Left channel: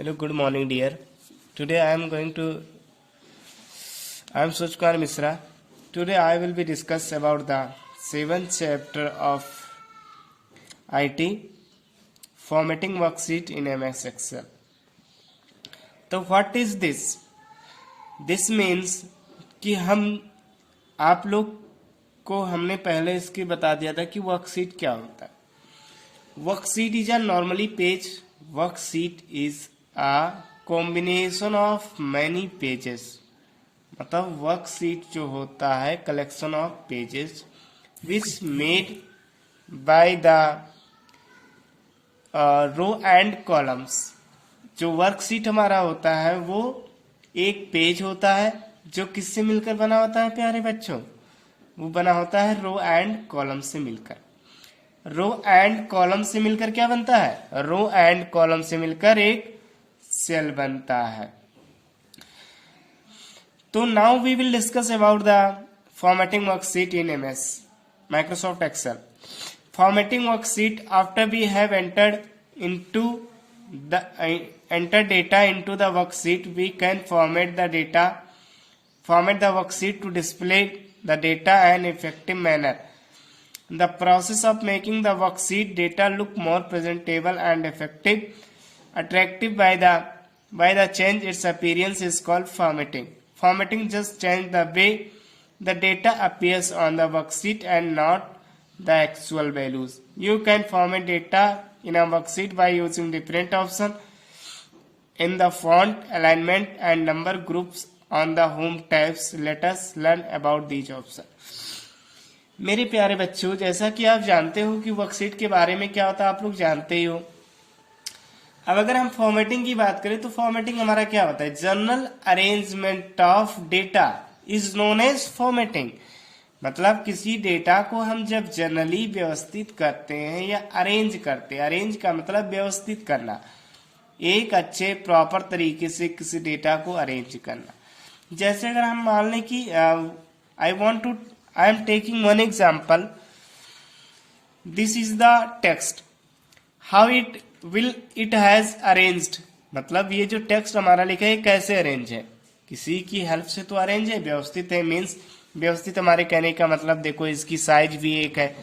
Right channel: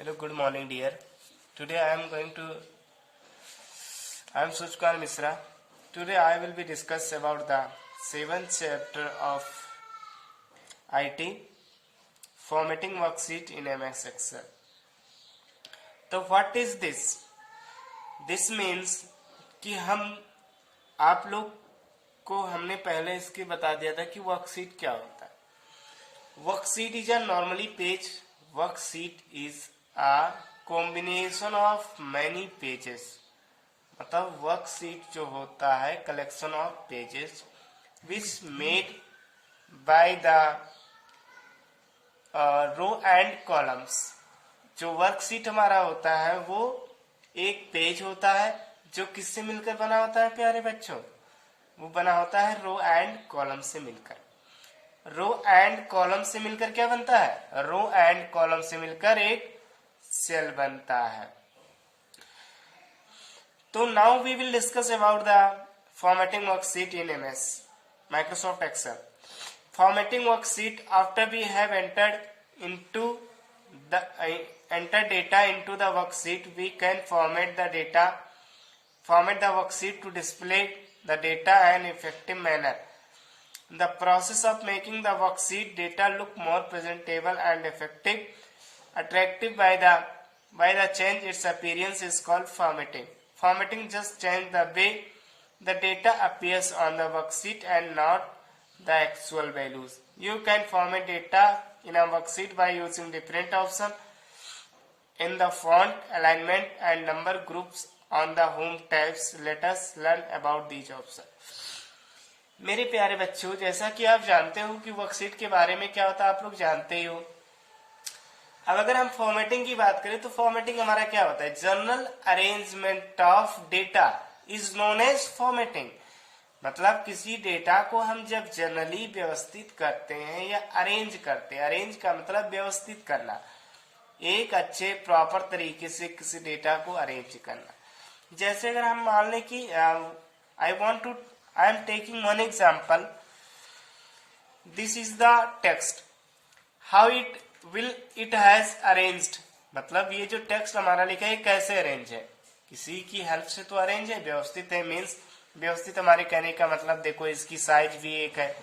Hello, good morning, dear. Today I am Suchkar Misra. Today I will be discuss about the seventh chapter of IT, formatting worksheet in MS Excel. तो what is this? This means कि आप लोग को हमने पहले इसकी बता दिया था कि वर्कशीट क्या होता है. Worksheet is a normally page. Worksheet is a combination of many pages. मतलब वर्कशीट जो होता है collection of pages which made by the row and columns. जो वर्कशीट हमारा होता है वो एक पेज होता है जो किससे मिलकर बना होता है प्यारे बच्चों. वो बना होता है रो एंड कॉलम से मिलकर. रो एंड कॉलम से मिलकर क्या बनता है? रो एंड कॉलम से मिलकर एक सेल बनता है. तो now we will discuss about the formatting worksheet in MS Microsoft Excel. Formatting worksheet after we have entered data into the worksheet, we can format the worksheet to display the data in an effective manner. The process of making the worksheet data look more presentable and attractive by the change its appearance is called formatting. Formatting just change the way the data appears on the worksheet and not the actual values. You can format data in a worksheet by using different options in the font, alignment and number groups on the home tabs. Let us learn about these options. मेरे प्यारे बच्चों, जैसा कि आप जानते हो कि worksheet के बारे में क्या होता है, आप लोग जानते ही हो. अब अगर हम फॉर्मेटिंग की बात करें तो फॉर्मेटिंग हमारा क्या होता है? General arrangement of data is known as formatting. मतलब किसी डेटा को हम जब जनरली व्यवस्थित करते हैं या अरेंज करते हैं. अरेंज का मतलब व्यवस्थित करना, एक अच्छे प्रॉपर तरीके से किसी डेटा को अरेंज करना. जैसे अगर हम मान लें कि I am taking one example. This is the text. How it has arranged. मतलब ये जो टेक्स्ट हमारा लिखा है कैसे अरेंज है? किसी की हेल्प से तो अरेंज है, व्यवस्थित है. मीन्स व्यवस्थित हमारे कहने का मतलब देखो इसकी साइज भी एक है,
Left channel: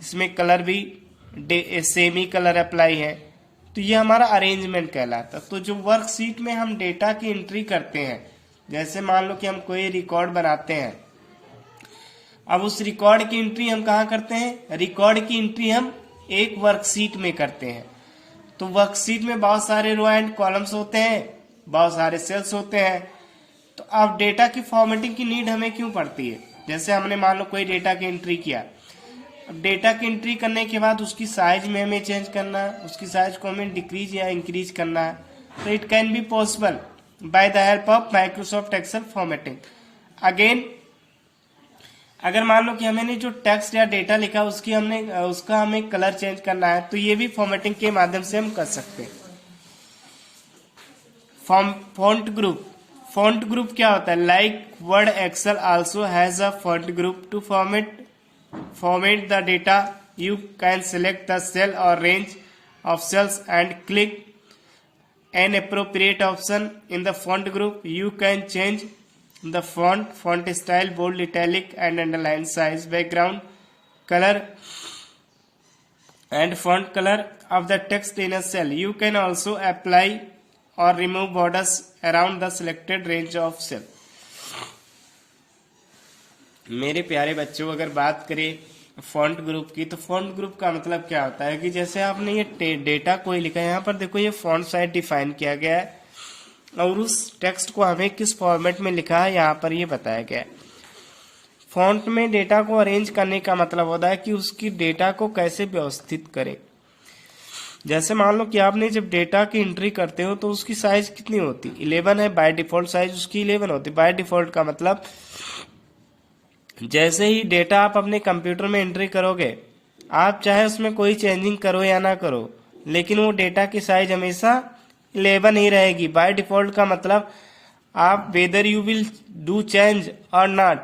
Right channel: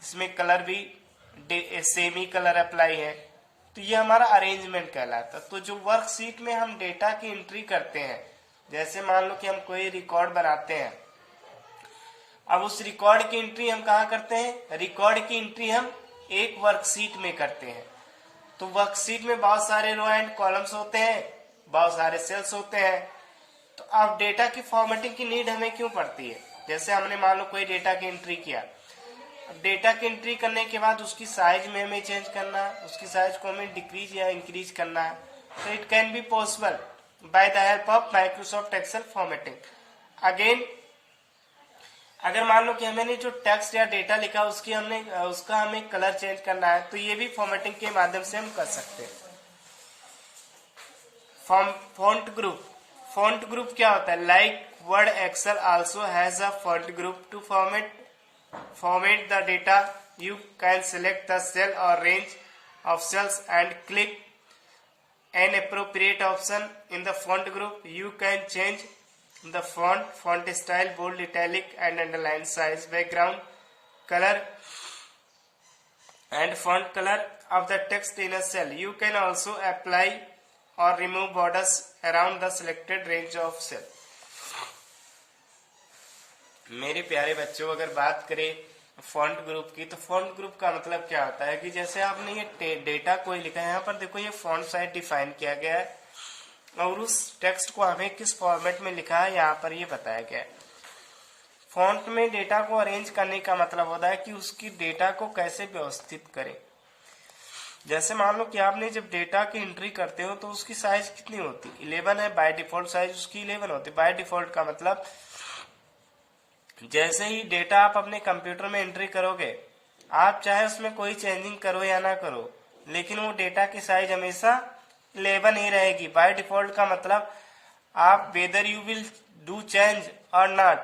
इसमें कलर भी सेम ही कलर अप्लाई है, तो ये हमारा अरेंजमेंट कहलाता. तो जो वर्कशीट में हम डेटा की एंट्री करते हैं, जैसे मान लो कि हम कोई रिकॉर्ड बनाते हैं. अब उस रिकॉर्ड की एंट्री हम कहाँ करते हैं? रिकॉर्ड की एंट्री हम एक वर्कशीट में करते हैं. तो वर्कशीट में बहुत सारे रो एंड कॉलम्स होते हैं, बहुत सारे सेल्स होते हैं. तो अब डेटा की फॉर्मेटिंग की नीड हमें क्यों पड़ती है? जैसे हमने मान लो कोई डेटा की एंट्री किया. अब डेटा की एंट्री करने के बाद उसकी साइज में हमें चेंज करना है, उसकी साइज को हमें डिक्रीज या इंक्रीज करना है. तो it can be possible by the help of Microsoft Excel formatting. Again अगर मान लो कि हमने जो टेक्स्ट या डेटा लिखा उसका हमें कलर चेंज करना है, तो ये भी फॉर्मेटिंग के माध्यम से हम कर सकते हैं. फॉन्ट ग्रुप क्या होता है? Like Word Excel also has a font group. To format the data, you can select the cell or range of cells and click an appropriate option in the font group. You can change the font style, bold, italic and underline, size, background color and font color of the text in a cell. You can also apply or remove borders around the selected range of cell. मेरे प्यारे बच्चों, अगर बात करें font group की, तो font group का मतलब क्या होता है कि जैसे आपने ये डेटा कोई लिखा है, यहाँ पर देखो ये फॉन्ट साइज डिफाइन किया गया है और उस टेक्स्ट को हमें किस फॉर्मेट में लिखा है यहाँ पर ये बताया गया है. फॉन्ट में डेटा को अरेंज करने का मतलब होता है कि उसकी डेटा को कैसे व्यवस्थित करें. जैसे मान लो कि आपने जब डेटा की एंट्री करते हो तो उसकी साइज कितनी होती? 11 है. बाय डिफॉल्ट साइज उसकी 11 होती. बाय डिफॉल्ट का मतलब जैसे ही डेटा आप अपने कंप्यूटर में एंट्री करोगे, आप चाहे उसमें कोई चेंजिंग करो या ना करो, लेकिन वो डेटा की साइज हमेशा 11 ही रहेगी. बाय डिफॉल्ट का मतलब आप whether you will do change और not,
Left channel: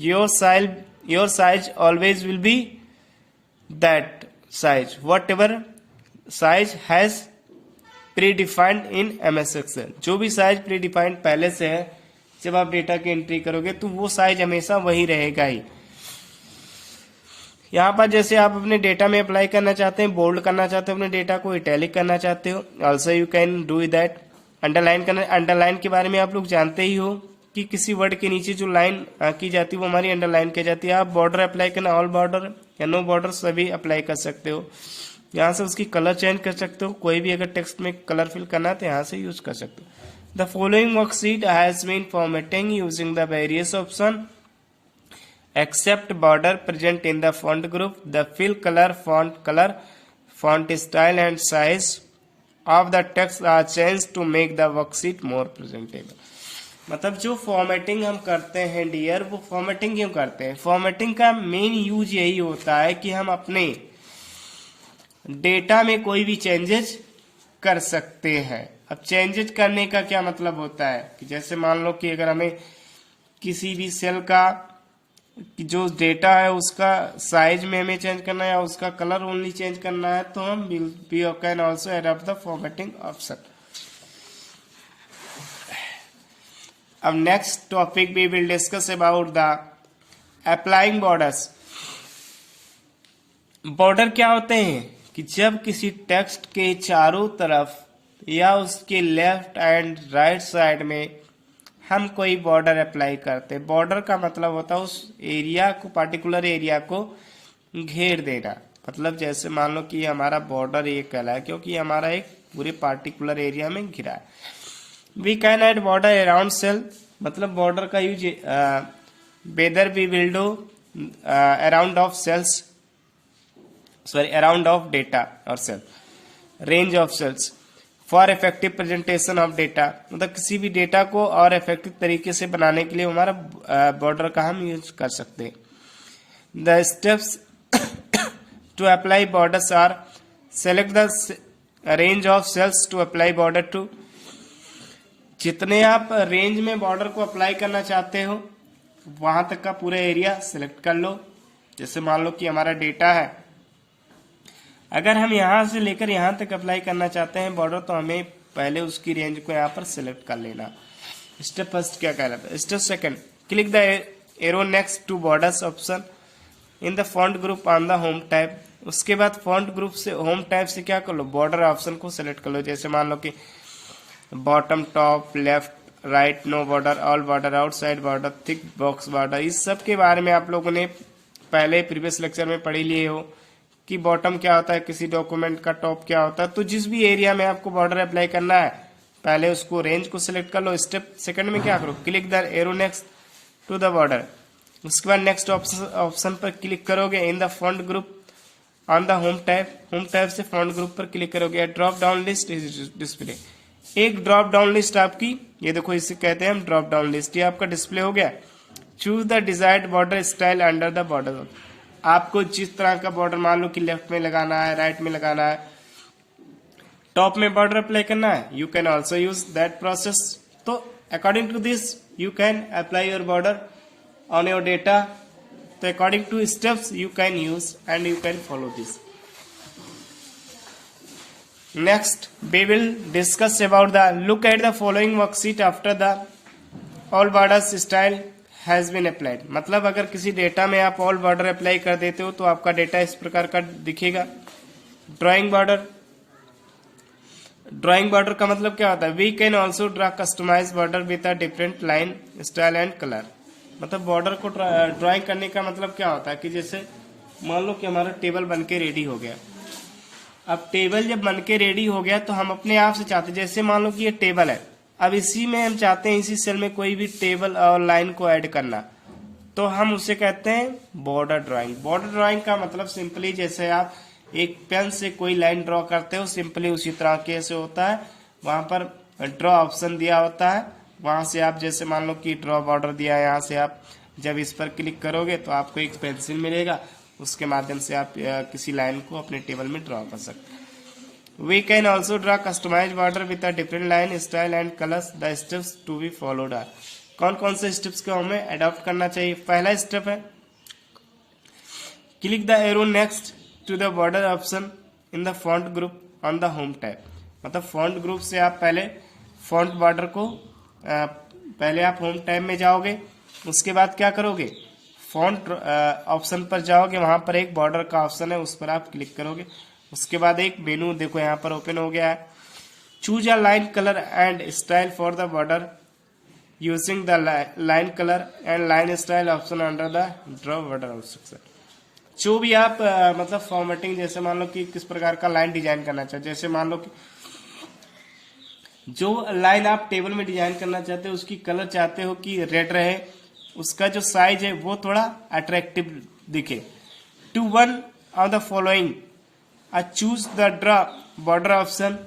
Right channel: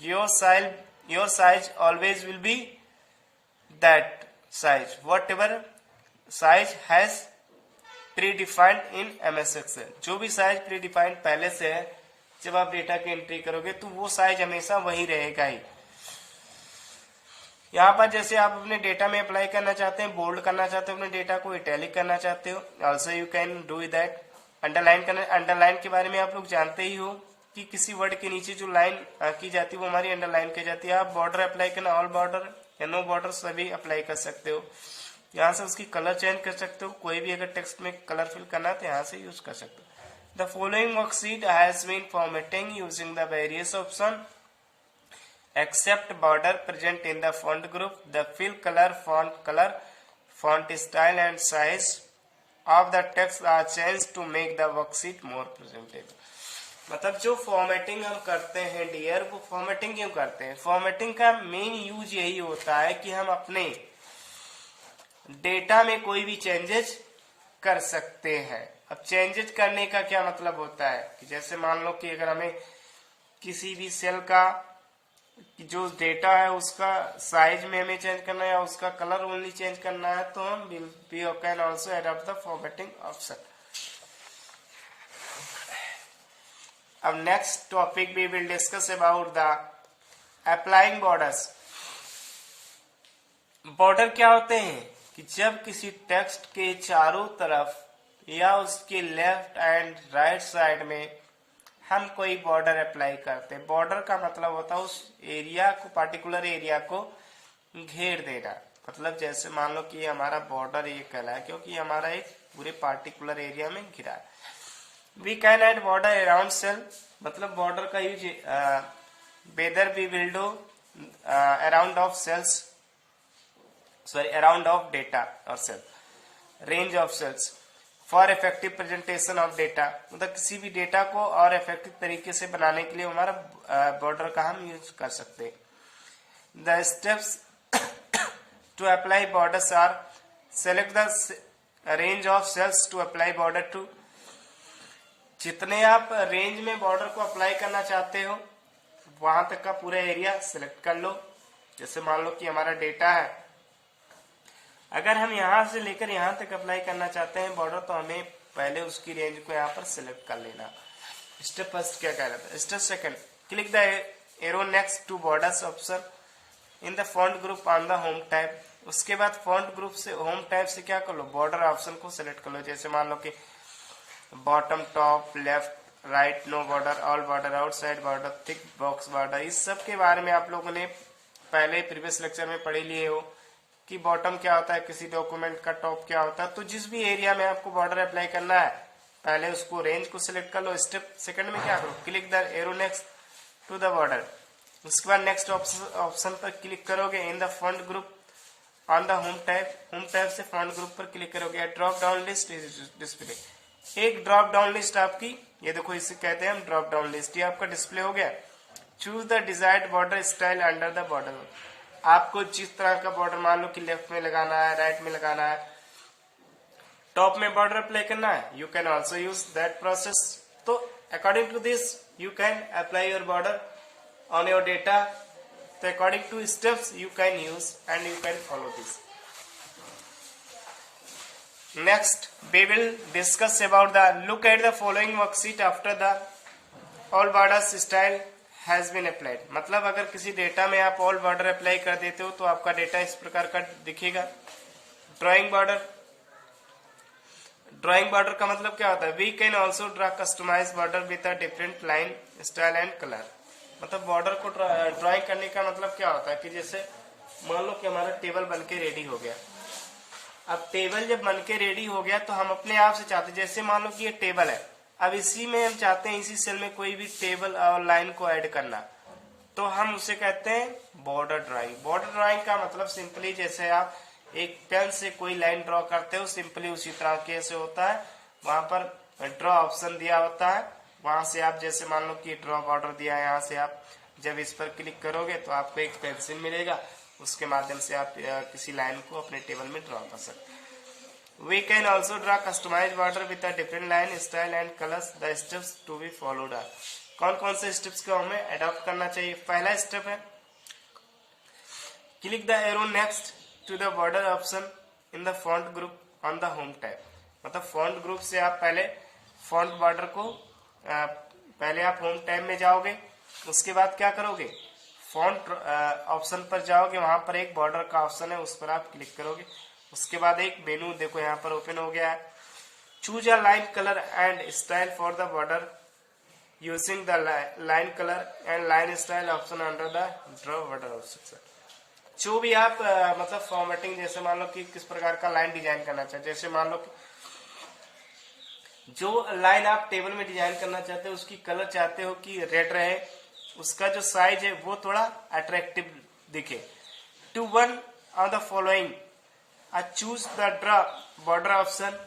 your size always will be that size, whatever size has predefined in MS Excel. जो भी साइज प्री डिफाइंड पहले से है, जब आप डेटा की एंट्री करोगे तो वो साइज हमेशा वही रहेगा ही। यहाँ पर जैसे आप अपने डेटा में अप्लाई करना चाहते हैं, बोल्ड करना चाहते हो अपने डेटा को, इटैलिक करना चाहते हो, also you can do that. Underline करना, अंडरलाइन के बारे में आप लोग जानते ही हो कि किसी वर्ड के नीचे जो लाइन की जाती है वो हमारी अंडरलाइन की जाती है। आप बॉर्डर अप्लाई करना, ऑल बॉर्डर या नो बॉर्डर सभी अप्लाई कर सकते हो। यहाँ से उसकी कलर चेंज कर सकते हो, कोई भी अगर टेक्स्ट में कलर फिल करना है तो यहाँ से यूज कर सकते हो। The following worksheet has been formatting using the various option except border present in the font group. The fill color, font style and size of the text are changed to make the worksheet more presentable. मतलब जो formatting हम करते हैं dear, वो formatting क्यों करते हैं? Formatting का मेन यूज यही होता है कि हम अपने डेटा में कोई भी चेंजेस कर सकते हैं। अब चेंजेस करने का क्या मतलब होता है कि जैसे मान लो कि अगर हमें किसी भी सेल का जो डेटा है उसका साइज में हमें चेंज करना है या उसका कलर ओनली चेंज करना है, तो हम we can also adopt the formatting option. अब next topic we will discuss about the applying borders. Border क्या होते हैं कि जब किसी टेक्स्ट के चारों तरफ या उसके लेफ्ट एंड राइट साइड में हम कोई बॉर्डर अप्लाई करते हैं। बॉर्डर का मतलब होता है उस एरिया को, पर्टिकुलर एरिया को घेर देना। मतलब जैसे मान लो कि हमारा बॉर्डर ये कहला है क्योंकि हमारा एक पूरे पार्टिकुलर एरिया में घिरा है। We can add border around cell, मतलब बॉर्डर का use whether we will do around of cells, sorry around of data और cell, range of cells for effective presentation of data. मतलब किसी भी डेटा को और इफेक्टिव तरीके से बनाने के लिए हमारा बॉर्डर का हम यूज कर सकते हैं। The steps to apply borders are select the range of cells to apply border to. जितने आप रेंज में बॉर्डर को अप्लाई करना चाहते हो वहां तक का पूरा एरिया सिलेक्ट कर लो। जैसे मान लो कि हमारा डेटा है, अगर हम यहां से लेकर यहां तक अप्लाई करना चाहते हैं बॉर्डर, तो हमें पहले उसकी रेंज को यहाँ पर सिलेक्ट कर लेना। स्टेप फर्स्ट क्या कहलाता है? Step second, click the arrow next to borders option in the font group on the home tab. उसके बाद फॉन्ट ग्रुप से होम टैब से क्या कर लो, बॉर्डर ऑप्शन को सिलेक्ट कर लो। जैसे मान लो कि bottom, top, left, right, no border, all border, outside border, thick box border, इस सब के बारे में आप लोगों ने पहले प्रीवियस लेक्चर में पढ़ लिए हो कि बॉटम क्या होता है किसी डॉक्यूमेंट का, टॉप क्या होता है। तो जिस भी एरिया में आपको बॉर्डर अप्लाई करना है पहले उसको रेंज को सिलेक्ट कर लो। स्टेप सेकंड में क्या करो, click the arrow next to the border. उसके बाद नेक्स्ट ऑप्शन पर क्लिक करोगे in the font group on the home tab. Home tab से फॉन्ट ग्रुप पर क्लिक करोगे। Drop down list is display, एक ड्रॉप डाउन लिस्ट आपकी, ये देखो इसे कहते हैं हम ड्रॉप डाउन लिस्ट, ये आपका डिस्प्ले हो गया। Choose the desired border style under the border. आपको जिस तरह का बॉर्डर, मान लो कि लेफ्ट में लगाना है, राइट में लगाना है, टॉप में बॉर्डर अप्लाई करना है, you can also use that process. तो according to this you can apply your border on your data. तो according to steps you can use and you can follow this. Next we will discuss about the look at the following worksheet after the all borders style has been applied। मतलब अगर किसी data में आप all border apply कर देते हो तो आपका डेटा इस प्रकार का दिखेगा। ड्राइंग बॉर्डर, ड्राइंग बॉर्डर का मतलब क्या होता है, we can also draw customize border with a different line, style and colour. मतलब बॉर्डर को ड्राइंग करने का मतलब क्या होता है कि जैसे मान लो कि हमारा टेबल बन के रेडी हो गया। अब टेबल जब बन के रेडी हो गया तो हम अपने आप से चाहते, जैसे मान लो कि ये टेबल है, अब इसी में हम चाहते हैं इसी सेल में कोई भी टेबल और लाइन को ऐड करना, तो हम उसे कहते हैं बॉर्डर ड्राइंग। बॉर्डर ड्राइंग का मतलब सिंपली जैसे आप एक पेन से कोई लाइन ड्रॉ करते हो, सिंपली उसी तरह के से होता है। वहां पर ड्रॉ ऑप्शन दिया होता है, वहां से आप जैसे मान लो कि ड्रॉ बॉर्डर दिया है, यहाँ से आप जब इस पर क्लिक करोगे तो आपको एक पेंसिल मिलेगा, उसके माध्यम से आप किसी लाइन को अपने टेबल में ड्रॉ कर सकते हैं। We can also draw customize border with a different line, style and colours. The steps to be followed are, कौन कौन से स्टेप्स को हमें अडॉप्ट करना चाहिए। पहला स्टेप है click the arrow next to the border option in the font group on the home tab. मतलब फॉन्ट ग्रुप से आप पहले फॉन्ट बॉर्डर को पहले आप होम टैब में जाओगे, उसके बाद क्या करोगे, फॉन्ट ऑप्शन पर जाओगे, वहां पर एक बॉर्डर का ऑप्शन है, उस पर आप क्लिक करोगे। उसके बाद एक मेनू देखो यहाँ पर ओपन हो गया है। Choose a line colour and style for the border using the line colour and line style option under the draw border instruction. जो भी आप मतलब फॉर्मेटिंग, जैसे मान लो कि किस प्रकार का लाइन डिजाइन करना चाहते, जैसे मान लो कि जो लाइन आप टेबल में डिजाइन करना चाहते हो उसकी कलर चाहते हो कि रेड रहे, उसका जो साइज है वो थोड़ा अट्रैक्टिव दिखे। To one of the following choose the draw border option.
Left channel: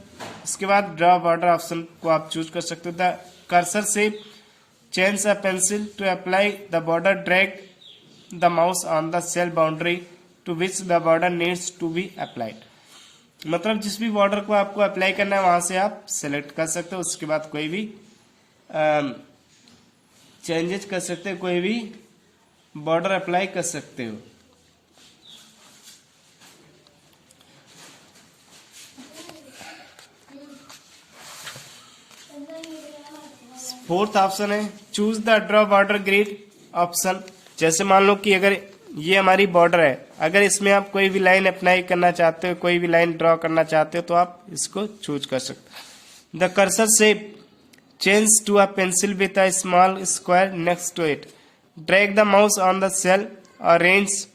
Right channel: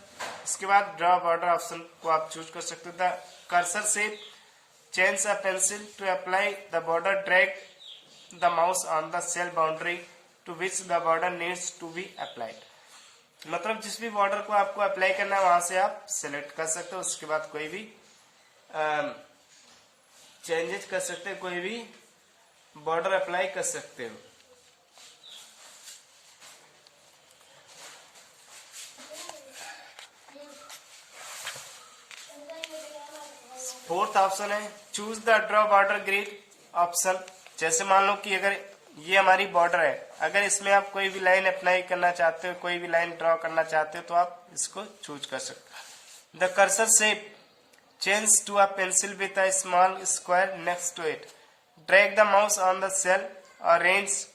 इसके बाद ड्रॉ बॉर्डर ऑप्शन को आप चूज कर सकते हो। द कर्सर से change a pencil to apply the border, drag the mouse on the cell boundary to which the border needs to be applied. मतलब जिस भी बॉर्डर को आपको अप्लाई करना है वहां से आप सिलेक्ट कर सकते हो। उसके बाद कोई भी चेंजेस कर सकते हो, कोई भी बॉर्डर अप्लाई कर सकते हो। फोर्थ ऑप्शन है choose the draw border grid option. जैसे मान लो कि अगर ये हमारी बॉर्डर है, अगर इसमें आप कोई भी लाइन अप्लाई करना चाहते हो, कोई भी लाइन ड्रॉ करना चाहते हो तो आप इसको चूज कर सकते हो। द कर्सर से change to a pencil with a small square next to it, drag the mouse on the cell और range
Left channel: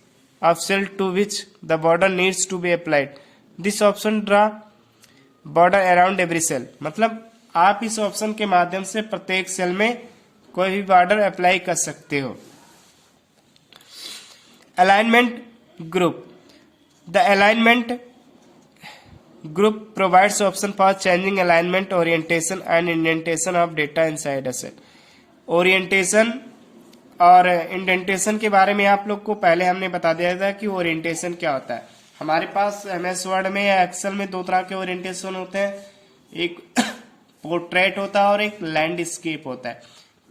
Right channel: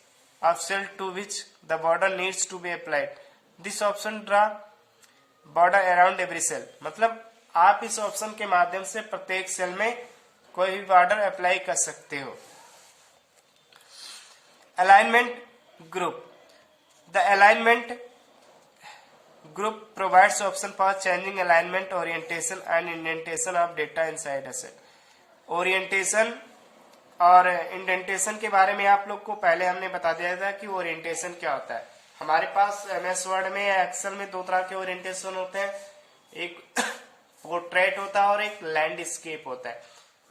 of cell to which the border needs to be applied. This option draw border around every cell. मतलब आप इस option के माध्यम से प्रत्येक cell में कोई भी बॉर्डर अप्लाई कर सकते हो। Alignment group. The alignment group provides option for changing alignment, orientation and indentation of data inside a cell. Orientation और इंडेंटेशन के बारे में आप लोग को पहले हमने बता दिया था कि ओरिएंटेशन क्या होता है। हमारे पास एमएस वर्ड में या एक्सेल में दो तरह के ओरिएंटेशन होते हैं, एक पोर्ट्रेट होता है और एक लैंडस्केप होता है।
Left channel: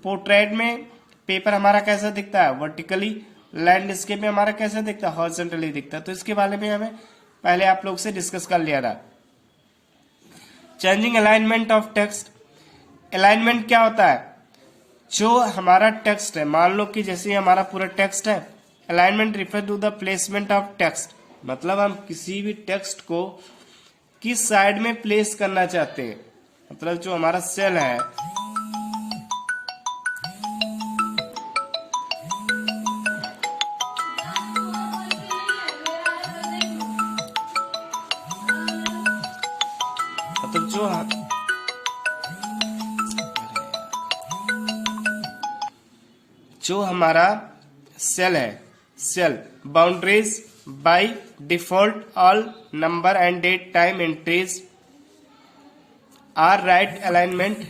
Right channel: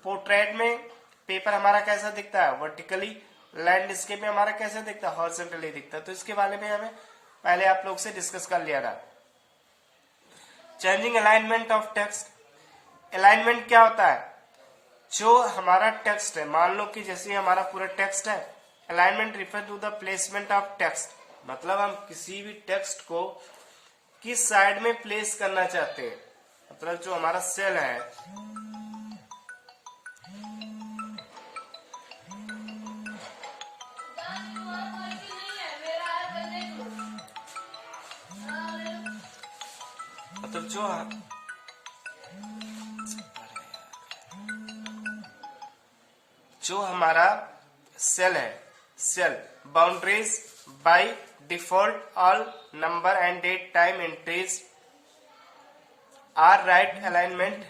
पोर्ट्रेट में पेपर हमारा कैसा दिखता है, वर्टिकली। लैंडस्केप में हमारा कैसा दिखता है, हॉरिजॉन्टली दिखता है। तो इसके बारे में हमें पहले आप लोग से डिस्कस कर लिया था। Changing alignment of text. Alignment क्या होता है, जो हमारा टेक्स्ट है, मान लो कि जैसे हमारा पूरा टेक्स्ट है, alignment refer to the placement of text. मतलब हम किसी भी टेक्स्ट को किस साइड में प्लेस करना चाहते हैं। मतलब जो हमारा सेल है, मतलब जो हमारा सेल है, cell boundaries by default all number and date time entries are right alignment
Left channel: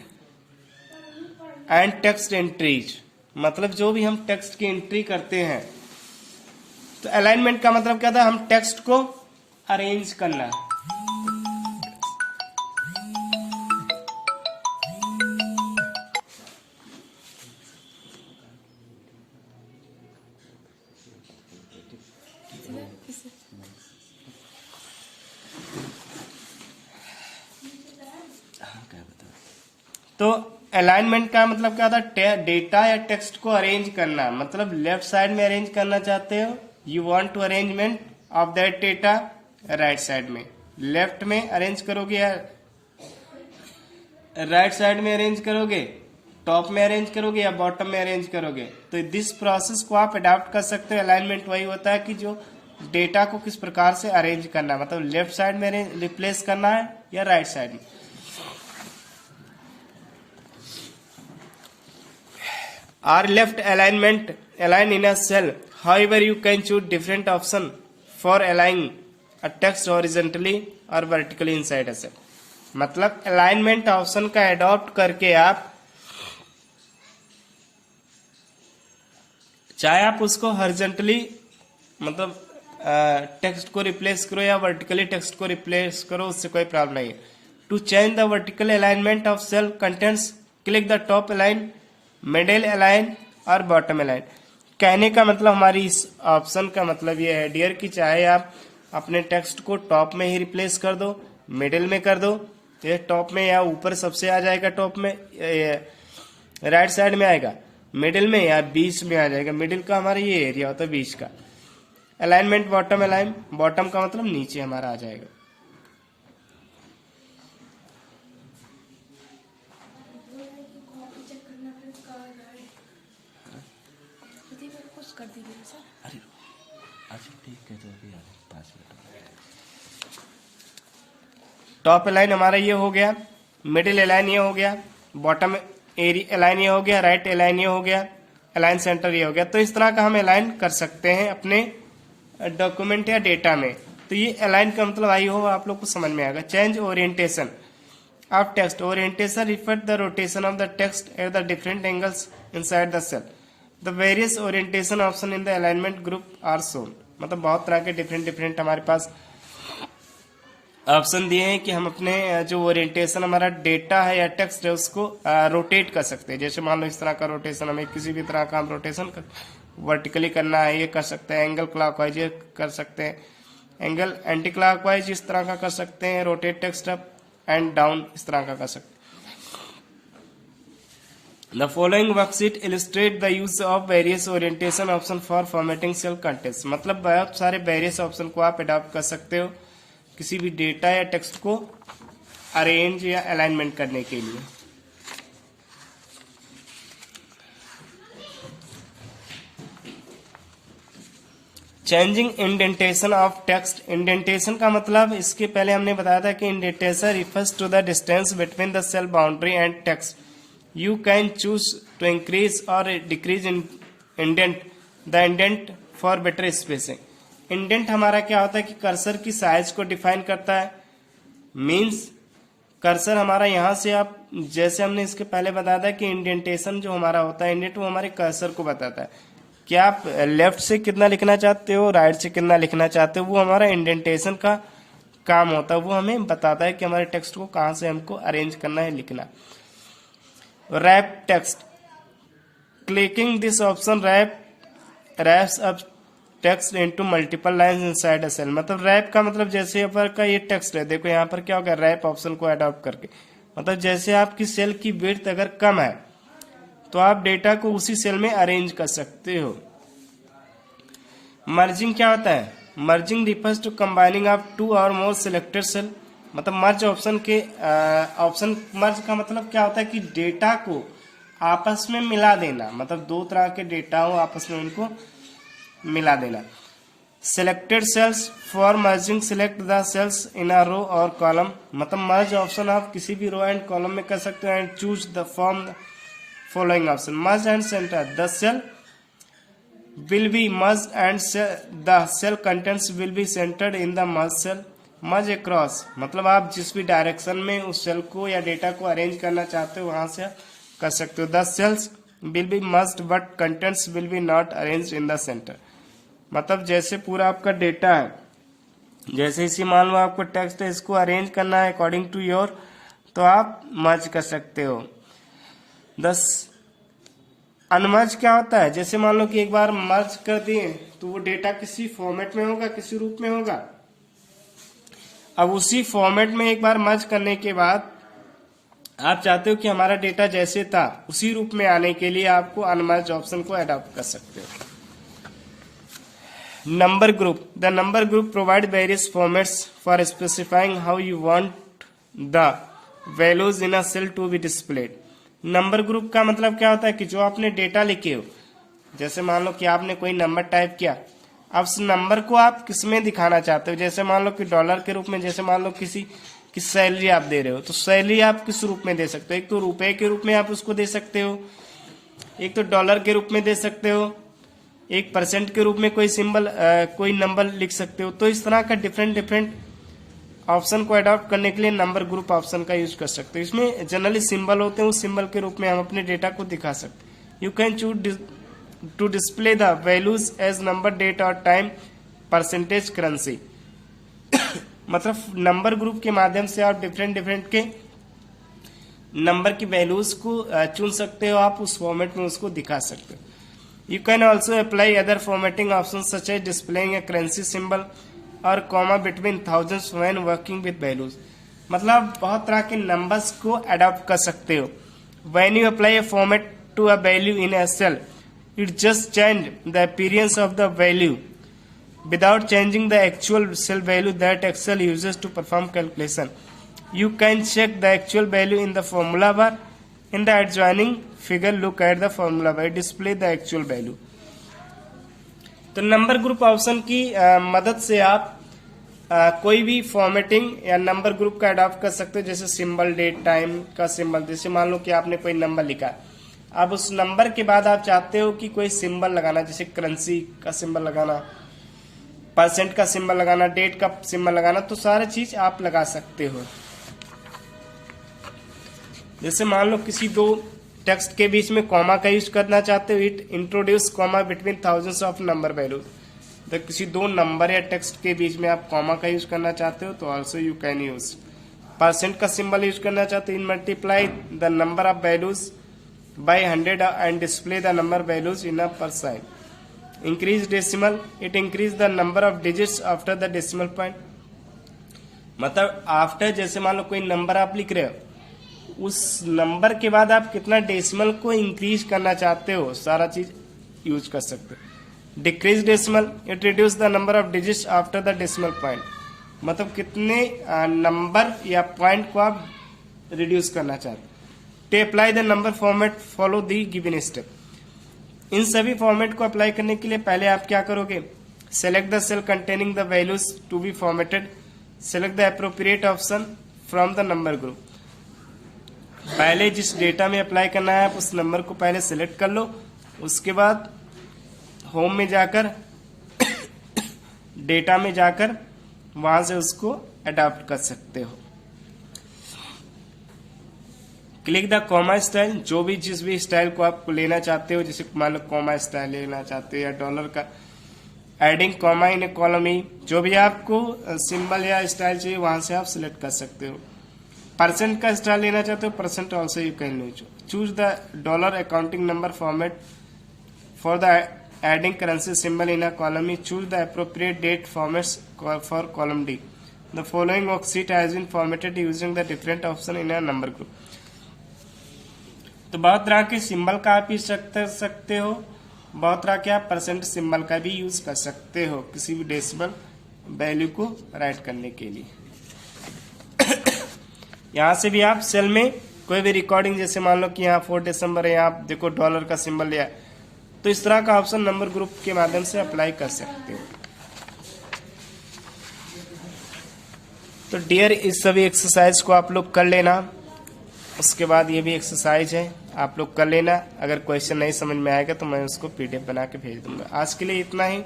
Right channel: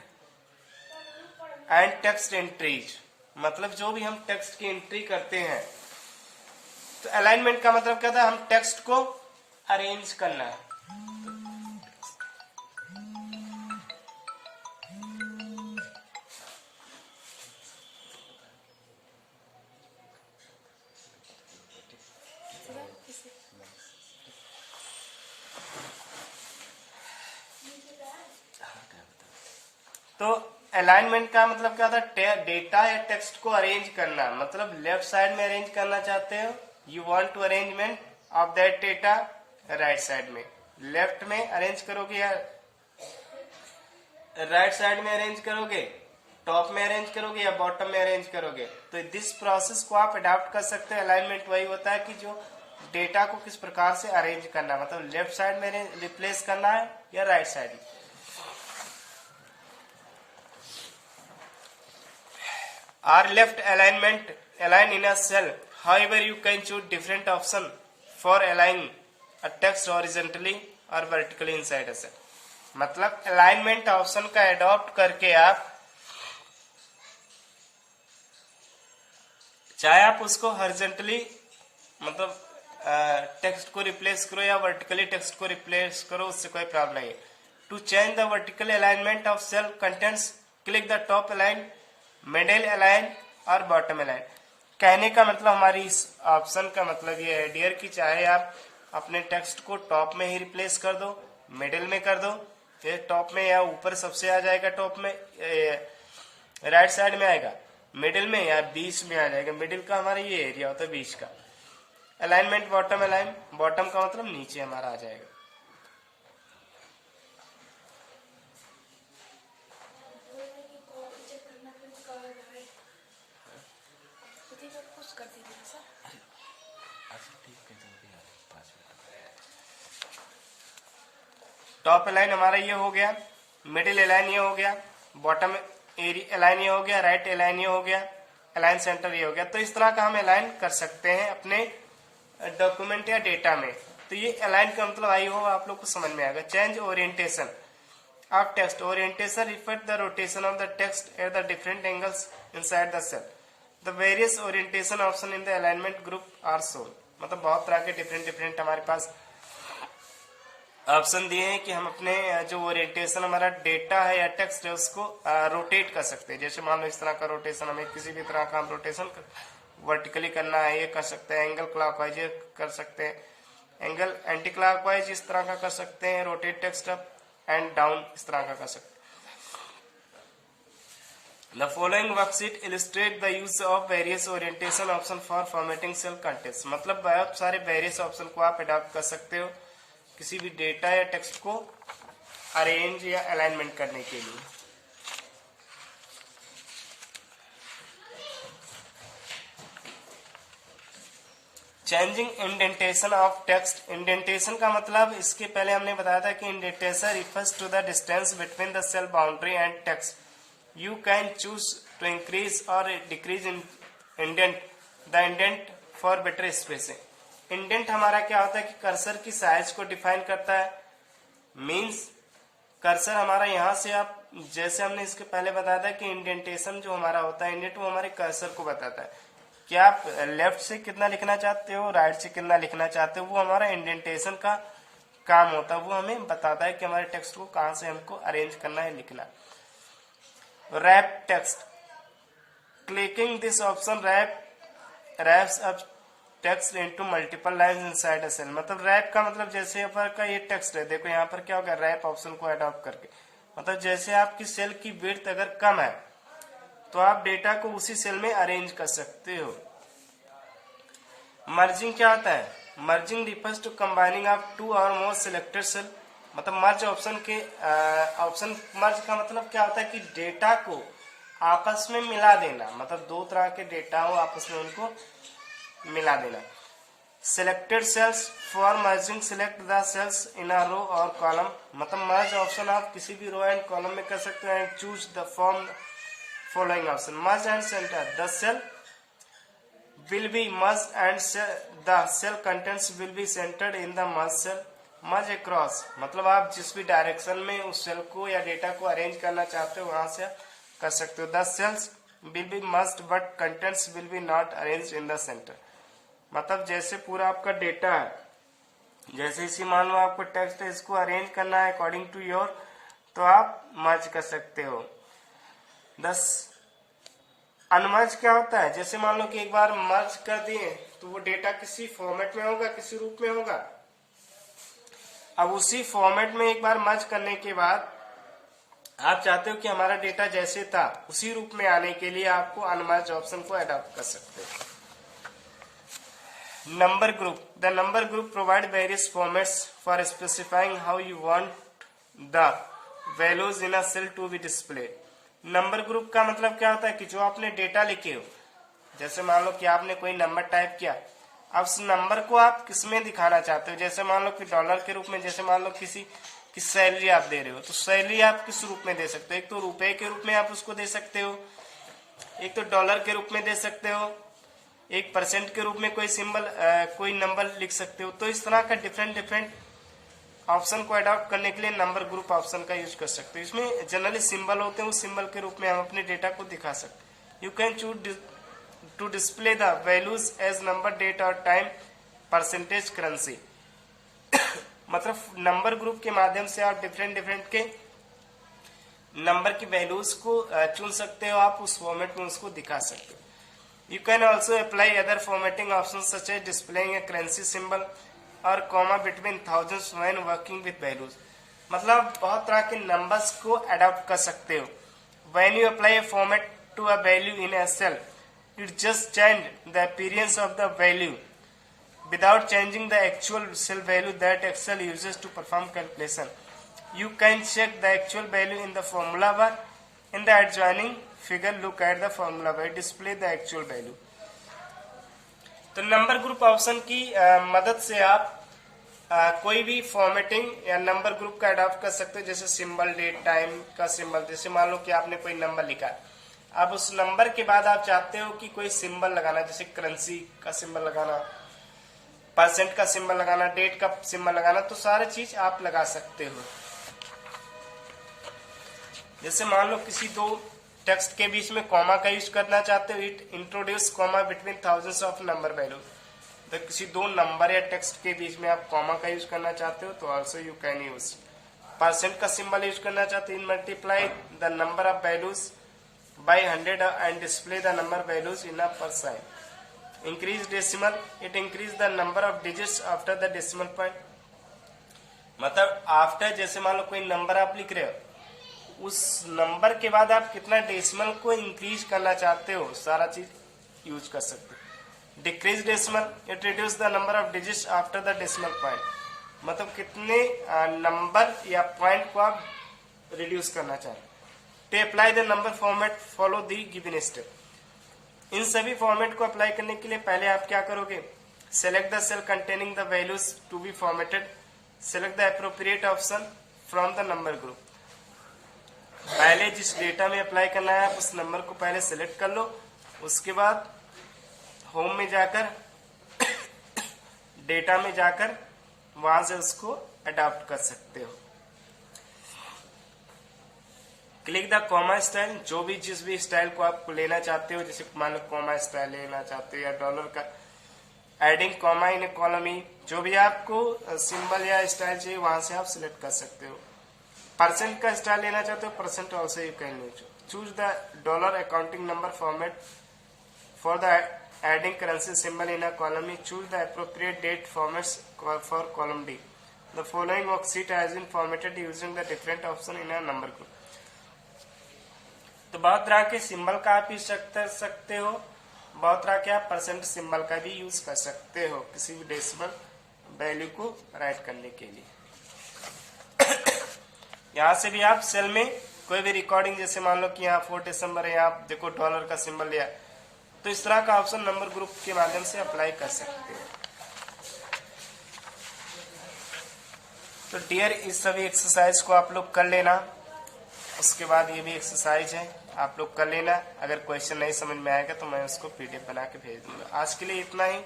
and text entries. मतलब जो भी हम टेक्स्ट की एंट्री करते हैं, तो अलाइनमेंट का मतलब क्या था, हम टेक्स्ट को अरेंज करना। तो अलाइनमेंट का मतलब क्या था, डेटा या टेक्स्ट को अरेंज करना। मतलब लेफ्ट साइड में अरेंज करना चाहते हो, you want to arrangement of that data right side में। लेफ्ट में अरेंज करोगे या राइट साइड में अरेंज करोगे, टॉप में अरेंज करोगे या बॉटम में अरेंज करोगे। तो दिस प्रोसेस को आप अडॉप्ट कर सकते हो। अलाइनमेंट वही होता है कि जो डेटा को किस प्रकार से अरेंज करना है, मतलब लेफ्ट साइड में रिप्लेस करना है या राइट साइड में। Or left alignment align in a cell. However, you can choose different option for aligning a text horizontally or vertically inside a cell. मतलब अलाइनमेंट ऑप्शन का अडॉप्ट करके आप चाहे आप उसको हॉरिजॉन्टली मतलब टेक्स्ट को रिप्लेस करो या वर्टिकली टेक्स्ट को रिप्लेस करो, उससे कोई प्रॉब्लम नहीं है। To change the vertical alignment of cell contents, click the top align, middle align और बॉटम अलाइन। कहने का मतलब हमारी इस ऑप्शन का मतलब ये है डियर कि चाहे आप अपने टेक्स्ट को टॉप में ही रिप्लेस कर दो, मिडिल में कर दो ये टॉप में या ऊपर सबसे आ जाएगा, टॉप में राइट साइड में आएगा, मिडिल में या बीच में आ जाएगा। मिडिल का हमारा ये एरिया होता है बीच का। अलाइनमेंट बॉटम अलाइन, बॉटम का मतलब नीचे हमारा आ जाएगा। टॉप अलाइन हमारा ये हो गया, मिडिल अलाइन ये हो गया, बॉटम एरिया अलाइन ये हो गया, राइट अलाइन ये हो गया, अलाइन सेंटर ये हो गया। तो इस तरह का हम अलाइन कर सकते हैं अपने डॉक्यूमेंट या डेटा में। तो ये अलाइन का मतलब आई हो आप लोग को समझ में आएगा। Change orientation of text, orientation refer the rotation of the text at the different angles inside the cell. The various orientation option in the alignment group are shown. मतलब बहुत तरह के डिफरेंट हमारे पास ऑप्शन दिए हैं कि हम अपने जो ओरिएंटेशन हमारा डेटा है या टेक्स्ट है उसको रोटेट कर सकते हैं। जैसे मान लो इस तरह का रोटेशन, हमें किसी भी तरह का हम रोटेशन वर्टिकली करना है, ये कर सकते हैं। एंगल क्लॉकवाइज ये कर सकते हैं, एंगल एंटी क्लॉकवाइज इस तरह का कर सकते हैं, rotate text up and down इस तरह का कर सकते हैं। The following worksheet illustrate the use of various orientation option for formatting cell contents। मतलब बहुत सारे various ऑप्शन को आप अडॉप्ट कर सकते हो किसी भी डेटा या टेक्स्ट को अरेंज या अलाइनमेंट करने के लिए। Changing indentation of text. Indentation का मतलब इसके पहले हमने बताया था कि indentation refers to the distance between the cell boundary and text. You can choose to increase or decrease in the indent for better spacing। Indent हमारा क्या होता है कि कर्सर की साइज को डिफाइन करता है। मींस कर्सर हमारा यहाँ से आप, जैसे हमने इसके पहले बताया था कि इंडेंटेशन जो हमारा होता है इंडेंट, वो हमारे कर्सर को बताता है कि आप लेफ्ट से कितना लिखना चाहते हो, राइट से कितना लिखना चाहते हो। वो हमारा इंडेंटेशन का काम होता है, वो हमें बताता है कि हमारे टेक्स्ट को कहाँ से हमको अरेंज करना है, लिखना। Wrap text, clicking this option wraps up text into multiple lines inside a cell. मतलब रैप का मतलब जैसे यहाँ पर का ये टेक्स्ट है, देखो यहाँ पर क्या होगा, रैप ऑप्शन को अडॉप्ट करके, मतलब जैसे आपकी सेल की विड्थ अगर कम है तो आप डेटा को उसी सेल में अरेंज कर सकते हो। मर्जिंग क्या होता है? Merging refers to combining of two और मोर सिलेक्टेड सेल। मतलब मर्ज ऑप्शन के ऑप्शन मर्ज का मतलब क्या होता है कि डेटा को आपस में मिला देना। मतलब दो तरह के डेटा हो आपस में उनको मिला देना। Selected cells for merging, select the cells in a row और कॉलम। मतलब मर्ज ऑप्शन आप किसी भी रो एंड कॉलम में कर सकते हो। And choose the form following option. Merge and centre, the cell will be merged and the cell contents will be centered in the merged cell। Merge across मतलब आप जिस भी डायरेक्शन में उस सेल को या डेटा को अरेंज करना चाहते हो वहां से कर सकते हो। The cells will be merged but contents will be not arranged in the centre. मतलब जैसे पूरा आपका डेटा है, जैसे इसी मान लो आपको टेक्स्ट है, इसको अरेंज करना है अकॉर्डिंग टू योर, तो आप मर्ज कर सकते हो। अनमर्ज क्या होता है? जैसे मान लो कि एक बार मर्ज कर दिए तो वो डेटा किसी फॉर्मेट में होगा, किसी रूप में होगा। अब उसी फॉर्मेट में एक बार मर्ज करने के बाद आप चाहते हो कि हमारा डेटा जैसे था उसी रूप में आने के लिए आपको अनमर्ज ऑप्शन को अडॉप्ट कर सकते हो। Number group, the number group provide various formats for specifying how you want the values in a cell to be displayed. Number group का मतलब क्या होता है कि जो आपने डेटा लिखे हो, जैसे मान लो कि आपने कोई नंबर टाइप किया, अब उस नंबर को आप किसमें दिखाना चाहते हो। जैसे मान लो कि डॉलर के रूप में, जैसे मान लो किसी की सैलरी आप दे रहे हो, तो सैलरी आप किस रूप में दे सकते हो? एक तो रुपए के रूप में आप उसको दे सकते हो, एक तो डॉलर के रूप में दे सकते हो, एक परसेंट के रूप में कोई सिंबल कोई नंबर लिख सकते हो। तो इस तरह का डिफरेंट ऑप्शन को अडॉप्ट करने के लिए नंबर ग्रुप ऑप्शन का यूज कर सकते हो। इसमें जनरली सिंबल होते हैं, उस सिंबल के रूप में हम अपने डेटा को दिखा सकते हैं। You can choose to display the values as number, date और टाइम, परसेंटेज, करेंसी। मतलब नंबर ग्रुप के माध्यम से आप डिफरेंट के नंबर की वैल्यूज को चुन सकते हो, आप उस फॉर्मेट में उसको दिखा सकते हो। You can also apply other formatting option such as displaying a currency symbol और comma between thousands when working with values. मतलब बहुत तरह के नंबर्स को अडॉप्ट कर सकते हो। When you apply a format to a value in Excel, it just change the appearance of the value without changing the actual cell value that Excel uses to perform calculation. You can check the actual value in the formula bar. In the adjoining figure, look at the formula bar. Display the actual value. तो number group option की मदद से आप कोई भी formatting या number group का adopt कर सकते हो, जैसे सिंबल, डेट, टाइम का सिंबल। जैसे मान लो कि आपने कोई नंबर लिखा, अब उस नंबर के बाद आप चाहते हो कि कोई सिंबल लगाना, जैसे करेंसी का सिंबल लगाना, परसेंट का सिंबल लगाना, डेट का सिंबल लगाना, तो सारी चीज आप लगा सकते हो। जैसे मान लो किसी दो टेक्स्ट के बीच में कॉमा का यूज करना चाहते हो, it introduce comma between thousands of number values. तो किसी दो नंबर या टेक्स्ट के बीच में आप कॉमा का यूज करना चाहते हो तो also you can use. Percent का सिंबल यूज करना चाहते हो, in multiply the number of values by 100 and display the number values in a percent. Increase decimal, it increase the number of digits after the decimal point. मतलब after, जैसे मान लो कोई number आप लिख रहे हो, उस नंबर के बाद आप कितना डेसिमल को इंक्रीज करना चाहते हो, सारा चीज यूज कर सकते हो। Decrease decimal, it reduce the number of digits after the decimal point. मतलब कितने नंबर या पॉइंट को आप रिड्यूस करना चाहते हो। To apply the number format, follow the given step. इन सभी फॉर्मेट को अप्लाई करने के लिए पहले आप क्या करोगे, select the cell containing the values to be formatted, select the appropriate option from the number group. पहले जिस डेटा में अप्लाई करना है आप उस नंबर को पहले सिलेक्ट कर लो, उसके बाद होम में जाकर डेटा में जाकर वहां से उसको अडॉप्ट कर सकते हो। क्लिक द कॉमा स्टाइल, जो भी जिस भी स्टाइल को आप लेना चाहते हो, जैसे मान लो कॉमा स्टाइल लेना चाहते हो या डॉलर का, adding comma in A column ई, जो भी आपको सिंबल या स्टाइल चाहिए वहां से आप सिलेक्ट कर सकते हो। परसेंट का स्टाइल लेना चाहते हो, percent also you can use. Choose the dollar accounting number format for the adding currency symbol in a column E, choose the appropriate date formats for column D. The following worksheet has been formatted using the different option in a number group. तो बहुत तरह के symbol का आप use कर सकते हो, बहुत तरह के आप परसेंट सिंबल का भी यूज कर सकते हो किसी भी डेसिमल वैल्यू को राइट करने के लिए। यहाँ से भी आप सेल में कोई भी रिकॉर्डिंग, जैसे मान लो कि यहाँ 4 दिसंबर है, यहाँ देखो डॉलर का सिंबल लिया, तो इस तरह का ऑप्शन नंबर ग्रुप के माध्यम से अप्लाई कर सकते हो। तो डियर, इस सभी एक्सरसाइज को आप लोग कर लेना, उसके बाद ये भी एक्सरसाइज है आप लोग कर लेना। अगर क्वेश्चन नहीं समझ में आएगा तो मैं उसको PDF बना के भेज दूंगा। आज के लिए इतना ही।